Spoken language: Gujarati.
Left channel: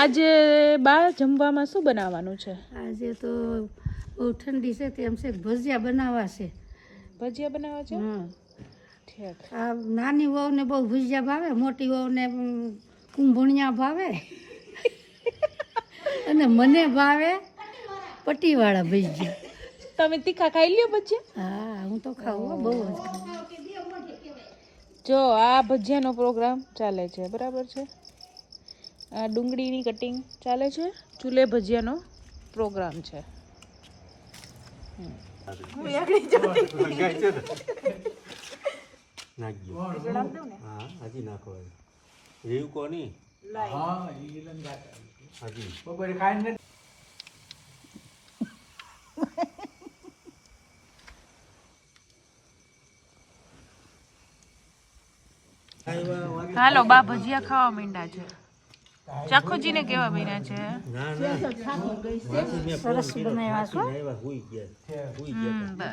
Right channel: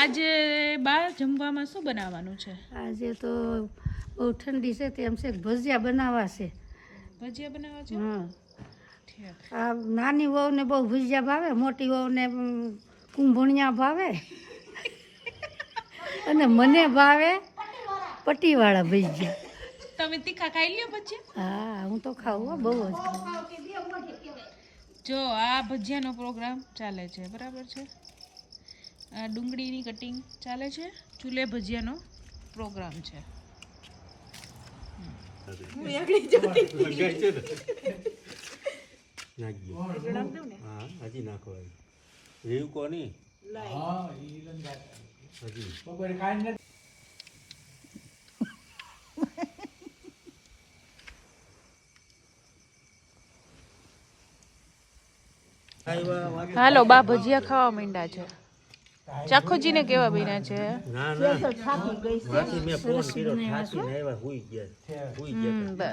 આજે બા જમવામાં શું બનાવવાનું છે? આજે તો બહુ ઠંડી છે તેમ છે ભજીયા બનાવવા છે. ભજીયા બનાવવા છે? હા. ઠીક. આ નાની વહુને બહુ ભજીયા ભાવે, મોટી વહુને કુંભણિયા ભાવે અને મને ભાવે પટ્ટીવાળા ભજીયા. તમે તીખા ખાઈ લ્યો ભજીયા? હા, હું તો ખાઉં હો, બહુ જ ખાઉં. જો આ ભજીયાનો પ્રોગ્રામ ચાલે છે, બરાબર છે. આ ડુંગળીની કટિંગ ચાલે છે, ચૂલે ભજીયાનો પ્રોગ્રામ છે. હું આગળ નાખજો. હા, હજી નાખો. રીવ કોની? હજી બપોરે ખાઈને હાલો બા ભજીયા ખાવા માંડ્યા છે. ચાખોજીને કેવા બન્યા છે? ના ના થાકી ગઈ છે. સરસ બનાવ્યા છો. હુઈ ગયા.